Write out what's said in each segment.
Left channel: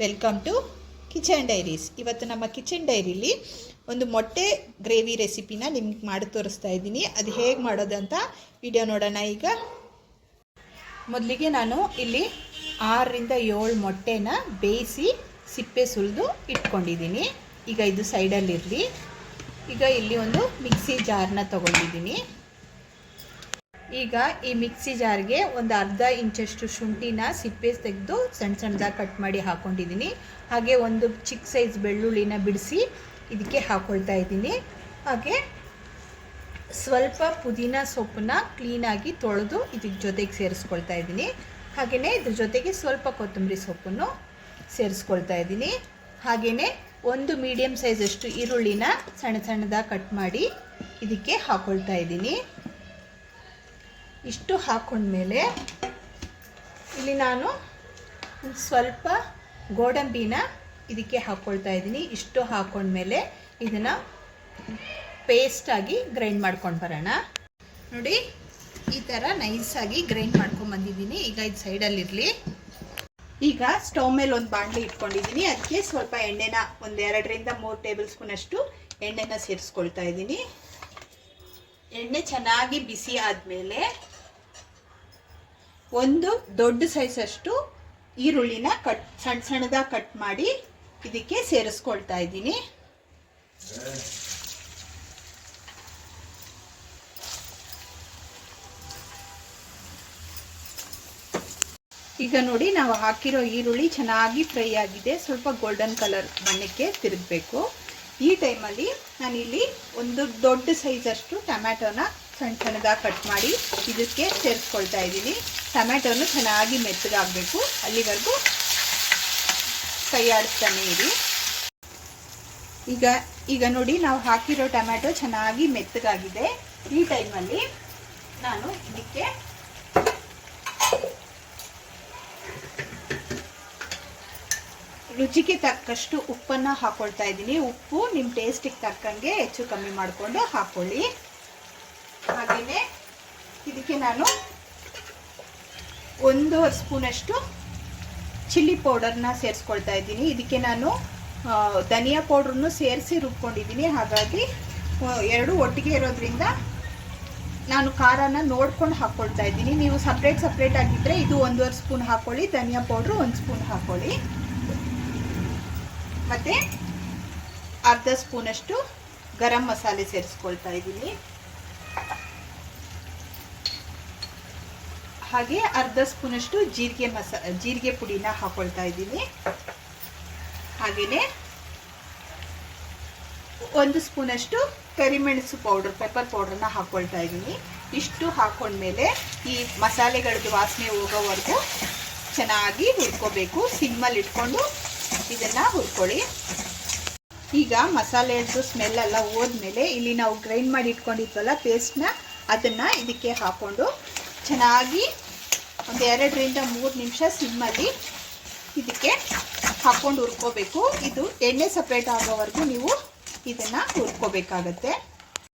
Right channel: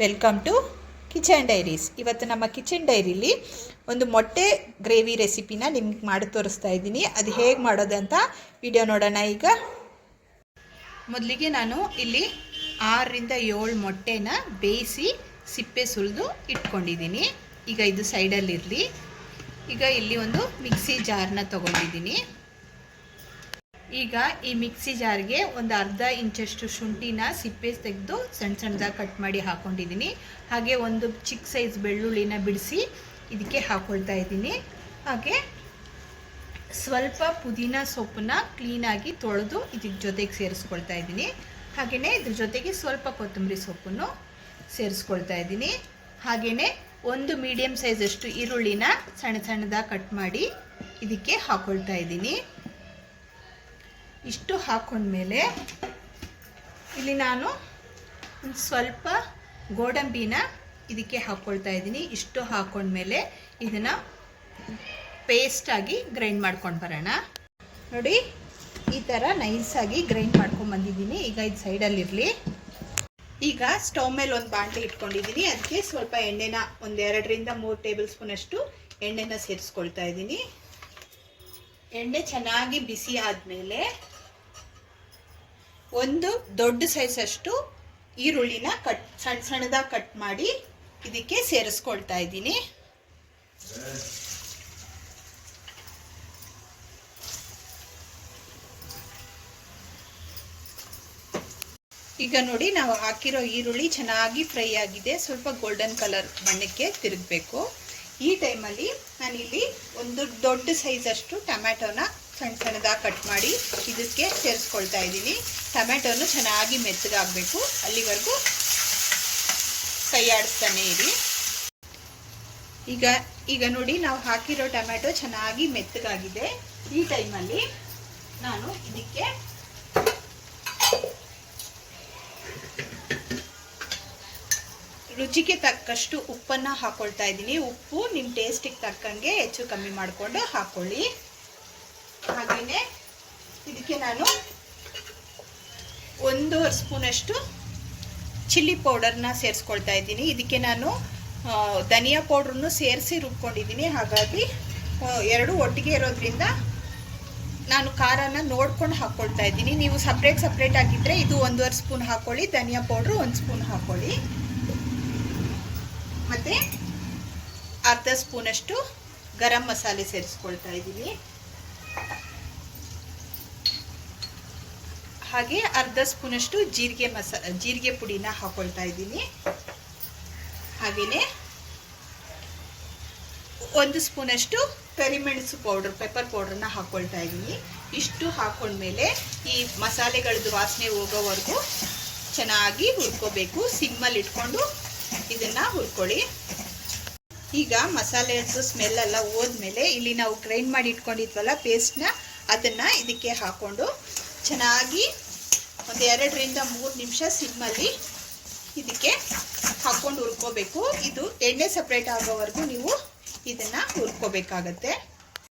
Welcome to kitchen diaries ಇವತ್ತು ನಮ್ಮ kitchen ಡೈರಿಲಿ ಒಂದು ಮೊಟ್ಟೆ ಗ್ರೇವಿ ರೆಸಿಪಿನ ನಿಮ್ಗೆ ಮಾಡಿ ತೋರಿಸ್ತಾ ಇದ್ದೀನಿ. ಅದು ಹೇಗೆ ಮಾಡೋದು ಅಂತ ವಿಡಿಯೋ ನೋಡೋಣ ಈಗ. ಮೊದಲಿಗೆ ನಾನು ಇಲ್ಲಿ ಆರರಿಂದ ಏಳು ಮೊಟ್ಟೆನ ಬೇಯಿಸಿ ಸಿಪ್ಪೆ ಸುಲಿದು ಇಟ್ಕೊಂಡಿದ್ದೀನಿ. ಈಗ ಇದು ಸೈಡಲ್ಲಿರಲಿ ಈಗ ಇಲ್ಲಿ ಒಂದು ಮಿಕ್ಸಿ ಜಾರನ್ನ ತೊಗೊಂಡಿದ್ದೀನಿ. ಈಗ ಈ ಮಿಕ್ಸಿ ಜಾರ್ಗೆ ಒಂದು ಅರ್ಧ ಇಂಚಷ್ಟು ಶುಂಠಿನ ಸಿಪ್ಪೆ ತೆಗೆದು ಸಣ್ಣ ಸಣ್ಣದಾಗಿ ಕಟ್ ಮಾಡಿ ಹಾಕ್ಕೊಂಡಿದ್ದೀನಿ ಹಾಗೆ ಒಂದು ಚಿಕ್ಕ ಸೈಜ್ ಬೆಳ್ಳುಳ್ಳಿನ ಬಿಡಿಸಿ ಇದಕ್ಕೆ ಹಾಕ್ಕೊಳ್ತಾ ಇದ್ದೀನಿ. ಹಾಗೆ ಸ್ವಲ್ಪ ಪುದೀನ ಸೊಪ್ಪನ್ನ ಕ್ಲೀನಾಗಿ ತೊಳೆದು ಇದಕ್ಕೆ ಜೊತೆಗೆ ಸೇರಿಸ್ಕೊಳ್ತಾ ಇದ್ದೀನಿ. ಹಾಗೆಯೇ ಇದ್ರ ಜೊತೆಗೆ ಸ್ವಲ್ಪ ಕೊತ್ತಂಬರಿ ಸೊಪ್ಪನ್ನು ಸೇರಿಸ್ಕೊಳ್ತಾ ಇದ್ದೀನಿ. ಹಾಗೆಯೇ ಒಂದು ಮೀಡಿಯಮ್ ಸೈಜಷ್ಟು ಈರುಳ್ಳಿನ ಸಣ್ಣ ಸಣ್ಣದಾಗಿ ಕಟ್ ಮಾಡಿ ಇದಕ್ಕೆ ಹಾಕ್ಕೊಳ್ತಾ ಇದ್ದೀನಿ. ಇಷ್ಟು ಹಾಕೊಂಡ್ಮೇಲೆ ಇಲ್ಲಿ ನಾನು ಸ್ವಲ್ಪ ಗೋಡಂಬಿನ ಇದಕ್ಕೆ ಹಾಕ್ಕೊಳ್ತಾ ಇದ್ದೀನಿ. ಇಷ್ಟು ಹಾಕೊಂಡ್ಮೇಲೆ ಇದನ್ನು ಪೇಸ್ಟಾಗಿ ಗ್ರೈಂಡ್ ಮಾಡ್ಕೊಂಡು ಬರೋಣ. ನೋಡಿ, ಈ ಥರ ನೈಸಾಗಿ ಗ್ರೈಂಡ್ ಮಾಡ್ಕೊಂಡು ಬಂದಿದ್ದೀನಿ. ಈಗ ಇದು ಸೈಡಲ್ಲಿರಲಿ ಈಗ ಸ್ಟವ್ ಮೇಲೆ ಒಂದು ಬಾಣಲಿ ಇಟ್ಕೊಂಡಿದ್ದೀನಿ. ಅದಕ್ಕೆ ಸ್ವಲ್ಪ ಎಣ್ಣೆನ ಒಂದು ಎರಡರಿಂದ ಮೂರು ಟೇಬಲ್ ಸ್ಪೂನಷ್ಟು ಎಣ್ಣೆನ ಸೇರಿಸ್ಕೊಳ್ತಾ ಇದ್ದೀನಿ. ಎಣ್ಣೆ ಚೆನ್ನಾಗಿ ಬಿಸಿ ಆದಮೇಲೆ ಒಂದು ದೊಡ್ಡ ಸೈಜ್ ಅಷ್ಟು ಈರುಳ್ಳಿನ ಕಟ್ ಸಣ್ಣ ಸಣ್ಣದಾಗಿ ಕಟ್ ಮಾಡಿ ಇದಕ್ಕೆ ಸೇರಿಸ್ಕೊಳ್ತಾ ಇದ್ದೀನಿ. ಈಗ ನೋಡಿ ನಾವು ಹಾಕಿರೋ ಈರುಳ್ಳಿ ಚೆನ್ನಾಗಿ ಫ್ರೈ ಆಗಿದೆ. ಸ್ವಲ್ಪ ಗೋಲ್ಡನ್ ಕಲರ್ ಬಣ್ಣಕ್ಕೆ ತಿರುಗಬೇಕು. ಈ ಟೈಮಲ್ಲಿ ನಾನಿಲ್ಲಿ ಒಂದು ದೊಡ್ಡ ಸೈಜಷ್ಟು ಟೊಮ್ಯಾಟೊನ ಸಣ್ಣ ಸಣ್ಣದಾಗಿ ಕಟ್ ಮಾಡಿ ಇದಕ್ಕೆ ಸೇರಿಸ್ಕೊಳ್ತಾ ಇದ್ದೀನಿ. ಟೊಮೆಟೊನು ಚೆನ್ನಾಗಿ ಮೆತ್ತಗಾಗಬೇಕು ಅಲ್ಲಿವರೆಗೂ ಕೈ ಆಡಿಸ್ತಾನೆ ಇರಿ. ಈಗ ಈಗ ನೋಡಿ, ನಾವು ಹಾಕಿರೋ ಟೊಮೆಟೊ ಚೆನ್ನಾಗಿ ಮೆತ್ತಗಾಗಿದೆ. ಈ ಟೈಮಲ್ಲಿ ನಾನು ಇದಕ್ಕೆ ರುಚಿಗೆ ತಕ್ಕಷ್ಟು ಉಪ್ಪನ್ನು ಹಾಕೊಳ್ತಾ ಇದ್ದೀನಿ. ಉಪ್ಪು ನಿಮ್ಮ ಟೇಸ್ಟಿಗೆ ತಕ್ಕಂಗೆ ಹೆಚ್ಚು ಕಮ್ಮಿ ಮಾಡಿಕೊಂಡು ಹಾಕೊಳ್ಳಿ. ಹಾಗೆಯೇ ಇದಕ್ಕೆ ನಾನು ಒಂದೂವರೆ ಸ್ಪೂನಷ್ಟು ಚಿಲ್ಲಿ ಪೌಡರ್ನ ಸೇರಿಸ್ಕೊಳ್ತಾ ಇದ್ದೀನಿ. ಇದಕ್ಕೆ ನಾನು ಧನಿಯಾ ಪೌಡ್ರನ್ನು ಸೇರಿಸಿ ರುಬ್ಕೊಂಡಿದ್ದೀನಿ. ಹಾಗಾಗಿ ಎರಡು ಒಟ್ಟಿಗೆ ಇರೋದ್ರಿಂದ ನಾನು ಖಾರನ ನೋಡ್ಕೊಂಡು ಹಾಕ್ಕೊಳ್ತಾ ಇದ್ದೀನಿ. ನೀವು ಸಪ್ರೇಟ್ ಸಪ್ರೇಟ್ ಆಗಿದ್ದರೆ ಇದು ಒಂದೂವರೆ ಸ್ಪೂನ್ ಹಾಕ್ಕೊಳ್ಳಿ ಧನಿಯಾ ಪೌಡ್ರು ಒಂದು ಸ್ಪೂನ್ ಹಾಕ್ಕೊಳ್ಳಿ ಮತ್ತು ಅರ್ಧ ಸ್ಪೂನಷ್ಟು ಗರಂ ಮಸಾಲೆ ಸೇರಿಸ್ಕೊಳ್ತಾ ಇದ್ದೀನಿ. ಹಾಗೆ ಅರ್ಧ ಸ್ಪೂನಷ್ಟು ಜೀರಿಗೆ ಮಸ, ಜೀರಿಗೆ ಪುಡಿನ ಹಾಕೊಳ್ತಾ ಇದ್ದೀನಿ. ಹಾಗೆಯೇ ಒಂದು ಸ್ಪೂನಷ್ಟು ಕರಿಮೆಣಸು ಪೌಡರ್ ಪೆಪ್ಪರ್ ಪೌಡರ್ನ ಹಾಕೊಳ್ತಾ ಇದ್ದೀನಿ. ಇಷ್ಟು ಹಾಕೊಂಡ್ಮೇಲೆ ಈ ಮಸಾಲೆಗಳದ್ದು ವಾಸನೆ ಹೋಗೋವರೆಗೂ ಚೆನ್ನಾಗಿ ಹುರ್ಕೋಬೇಕು. ಸಿಮ್ಮಲ್ಲಿ ಇಟ್ಕೊಂಡು ಇದನ್ನು ಹುರ್ಕೊಳ್ಳಿ. ಈಗ ಮಸಾಲೆಯದ್ದು ಸ್ಮೆಲ್ ಎಲ್ಲ ಹೋದ್ಮೇಲೆ ಇಲ್ಲಿ ನಾವು ಗ್ರೈಂಡ್ ಮಾಡಿ ಇಟ್ಕೊಂಡಿದ್ವಲ್ಲ ಪೇಸ್ಟ್ನ ಅದನ್ನು ಇದಕ್ಕೆ ಹಾಕ್ಕೊಂಡು ಚೆನ್ನಾಗಿ ಒಂದು ಎರಡರಿಂದ ಮೂರು ನಿಮಿಷ ಸಿಮ್ಮಲ್ಲಿ ಇದಕ್ಕೆ ಹಾಕ್ಕೊಂಡು ಹುರ್ಕೋಬೇಕು. ಇದು ಎಣ್ಣೆ ಸಪ್ರೇಟ್ ಆಗೋವರೆಗೂ ನೀವು ಇದನ್ನು ಹುರ್ಕೋಬೇಕಾಗತ್ತೆ.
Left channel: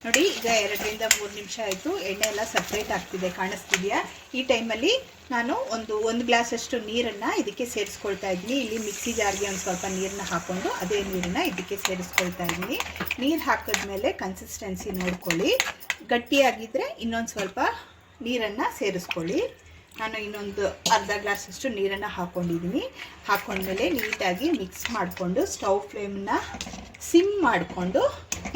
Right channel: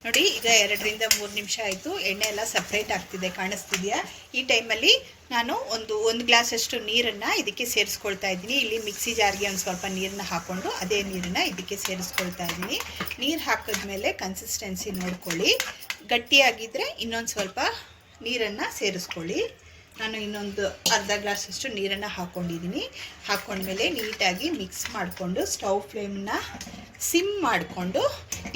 ನೋಡಿ, ಈಗ ಎರಡರಿಂದ ಮೂರು ನಿಮಿಷ ಆಯಿತು. ಎಣ್ಣೆ ಎಲ್ಲ ಸಪ್ರೇಟ್ ಆಗ್ತಿದೆ, ಕಾಣಿಸ್ತಿದೆಯಾ? ಈ ಟೈಮಲ್ಲಿ ನಾನು ಒಂದು ಒಂದು ಗ್ಲಾಸಷ್ಟು ನೀರನ್ನು ಇದಕ್ಕೆ ಸೇರಿಸ್ಕೊಳ್ತಾ ಇದ್ದೀನಿ. ಇಲ್ಲಿ ಮಿಕ್ಸಿ ಜಾರಿಗೆ ಒಂದು ಸ್ವಲ್ಪ ನೀರನ್ನ ಹಾಕ್ಕೊಂಡು ಅದೇ ನೀರನ್ನು ಇದಕ್ಕೆ ಸೇರಿಸ್ಕೊಳ್ತಾ ಇದ್ದೀನಿ. ನೀರು ಹಾಕಿದ್ಮೇಲೆ ಕನ್ಸಿಸ್ಟೆನ್ಸಿ ನೋಡ್ಕೊಳ್ಳಿ. ಗಟ್ಟಿಯಾಗಿದ್ದರೆ ಇನ್ನೊಂದು ಸ್ವಲ್ಪ ನೀರನ್ನು ಸೇರಿಸ್ಕೊಳ್ಳಿ. ನಾನು ಇನ್ನೊಂದು ಅರ್ಧ ಗ್ಲಾಸಷ್ಟು ನೀರನ್ನು ಹಾಕ್ಕೊಂಡಿದ್ದೀನಿ ಹಾಕ್ಕೊಂಡ್ಮೇಲೆ ನೀಟಾಗಿ ಮಿಕ್ಸ್ ಮಾಡಿಕೊಂಡು ಸ್ಟವ್ ಫ್ಲೇಮನ್ನ ಸಿಮ್ ಮಾಡಿಕೊಂಡು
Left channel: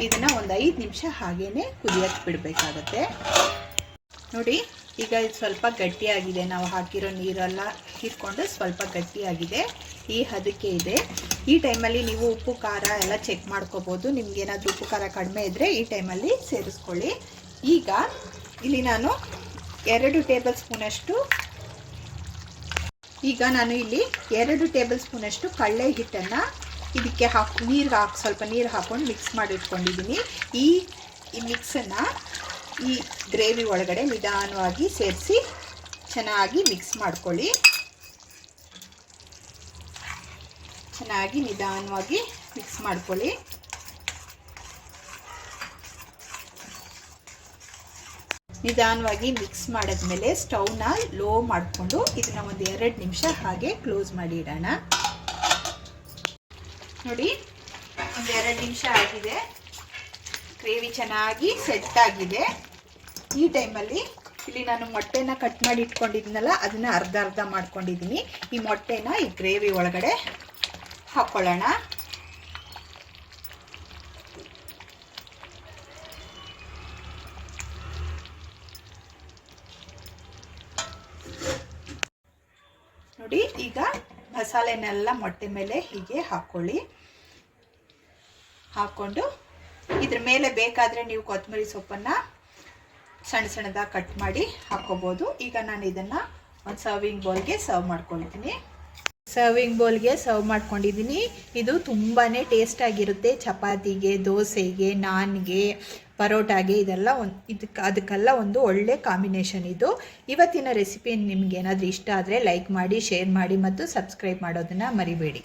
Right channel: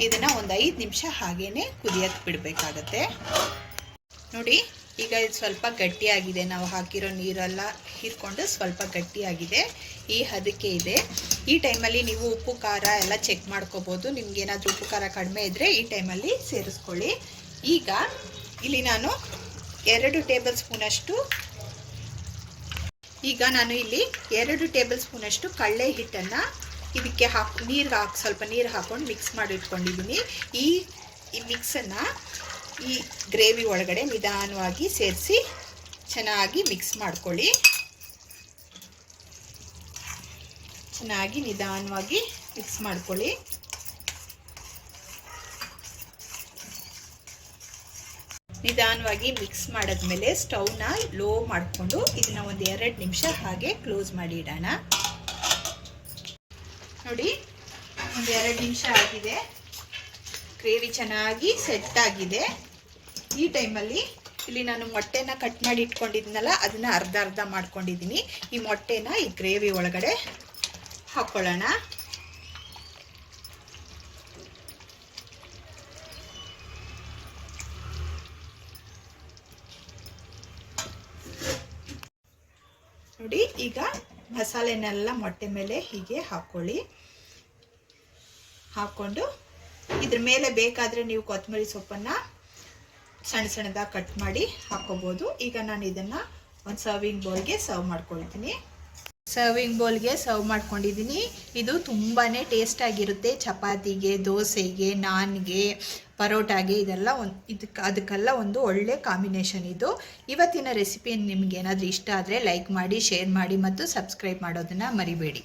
ಇದನ್ನು ಒಂದು ಐದು ನಿಮಿಷ ಹಾಗೇ ಕುದಿಯೋಕ್ಕೆ ಬಿಡಬೇಕಾಗತ್ತೆ. ನೋಡಿ, ಈಗ ಇದು ಸ್ವಲ್ಪ ಗಟ್ಟಿಯಾಗಿದೆ. ನಾವು ಹಾಕಿರೋ ನೀರೆಲ್ಲ ಹೀರ್ಕೊಂಡು ಸ್ವಲ್ಪ ಗಟ್ಟಿಯಾಗಿದೆ. ಈ ಹದಕ್ಕೆ ಇದೆ. ಈ ಟೈಮಲ್ಲಿ ನೀವು ಉಪ್ಪು, ಖಾರ ಎಲ್ಲ ಚೆಕ್ ಮಾಡ್ಕೋಬೋದು. ನಿಮ್ಗೇನಾದರೂ ಉಪ್ಪು, ಖಾರ ಕಡಿಮೆ ಇದ್ದರೆ ಈ ಟೈಮಲ್ಲಿ ಸೇರಿಸ್ಕೊಳ್ಳಿ. ಈಗ ಇಲ್ಲಿ ನಾನು ಎರಡು ಟೇಬಲ್ ಸ್ಪೂನಷ್ಟು ಈಗ ನಾನು ಇಲ್ಲಿ ಎರಡು ಟೇಬಲ್ ಸ್ಪೂನಷ್ಟು ಕಳ್ಳೆ ಹಿಟ್ಟನ್ನು ಇದಕ್ಕೆ ಹಾಕಿ, ನೀರು ಹಾಕಿ, ಸ್ವಲ್ಪ ನೀರು ಹಾಕ್ಕೊಂಡು ಮಿಕ್ಸ್ ಮಾಡಿಟ್ಕೊಂಡಿದ್ದೀನಿ ಈ ಈ ಮಿಕ್ಸನ್ನು ಈ ಗ್ರೇವಿ ಒಳಗಡೆ ನಿಧಾನವಾಗಿ ಸೇರಿಸಿ ಚೆನ್ನಾಗಿ ಮಿಕ್ಸ್ ಮಾಡ್ಕೊಳ್ಳಿ. ಚೆನ್ನಾಗಿ ನಿಧಾನವಾಗಿ ಮಿಕ್ಸ್ ಮಾಡ್ಕೊಳ್ಳಿ. ನಿಧಾನವಾಗಿ ಮಿಕ್ಸ್ ಮಾಡಿದ್ಮೇಲೆ ಸ್ಟೌವ್ನ ಲೋ ಮಾಡಿಕೊಂಡು ಇದನ್ನ ಒಂದು ಎರಡು ನಿಮಿಷ ಹಾಗೆ ಕ್ಲೋಸ್ ಮಾಡಿ ಇಡೋಣ. ನೋಡಿ, ಒಂದು ಎರಡು ನಿಮಿಷ ಆಗಿದೆ. ಗ್ರೇವಿ ಚೆನ್ನಾಗಿ ಸೆಟ್ ಆಗಿದೆ. ಈ ಟೈಮಲ್ಲಿ ಇಲ್ಲಿ ನಾನು ಮೊಟ್ಟೆನ ಕಟ್ ಮಾಡಿ ಇಟ್ಕೊಂಡಿದ್ನಲ್ಲ, ಅದನ್ನ ಅರ್ಧ ಅರ್ಧ ಮಾಡ್ಕೊಂಡಿದ್ದೀನಿ. ಈ ಮೊಟ್ಟೆನ ಈ ಗ್ರೇವಿ ಒಳಗಡೆ ಹಾಕ್ಕೊಳ್ಳೋಣ ನೋಡಿ, ಈಗ ಮಸಾಲೆನೆಲ್ಲ ಮೊಟ್ಟೆ ಮೇಲೆ ಹೀಗೆ ಹಾಕ್ಕೊಳ್ಳಿ ಹಾಕ್ಕೊಂಡು ಇದ್ರ ಮೇಲೆ ಬೇಕಾದರೆ ನೀವು ಕೊತ್ತಂಬರಿ ಸೊಪ್ಪನ್ನು ಸಣ್ಣ ಸಣ್ಣದಾಗಿ ಕಟ್ ಮಾಡಿ ಹಾಕ್ಕೋಬೋದು. ಈಗ ನಾನು ಇದನ್ನು ಒಂದು ಸರ್ವಿಂಗ್ ಬೌಲ್ಗೆ ಸರ್ವ್ ಮಾಡ್ಕೊಳ್ತೀನಿ. ಸರ್ವಿಂಗ್ ಬೌಲ್ಗೆ ಸರ್ವ್ ಮಾಡ್ಕೊಂಡಿದ್ದೀನಿ ಇದು ತುಂಬಾ ಟೇಸ್ಟಾಗಿರುತ್ತೆ ಚಪಾತಿಗೆ, ದೋಸೆಗೆ, ನಾನ್ಗೆ, ಪರೋಟಾಗೆ ಇದೆಲ್ಲ ಒಂದು ಇದಕ್ಕೆ ಅದಕ್ಕೆಲ್ಲ ಒಂದು ಒಳ್ಳೆ ಕಾಂಬಿನೇಷನ್ ಇದು. ಇವತ್ತಿನ ರೆಸಿಪಿ ನಿಮ್ಗೆ ಏನಾದರೂ ಇಷ್ಟ ಆದರೆ ಲೈಕ್ ಮಾಡಿ ಶೇರ್ ಮಾಡಿ ಮತ್ತು ಸಬ್ಸ್ಕ್ರೈಬ್ ಮಾಡೋದನ್ನು ಮರಿಬೇಡಿ.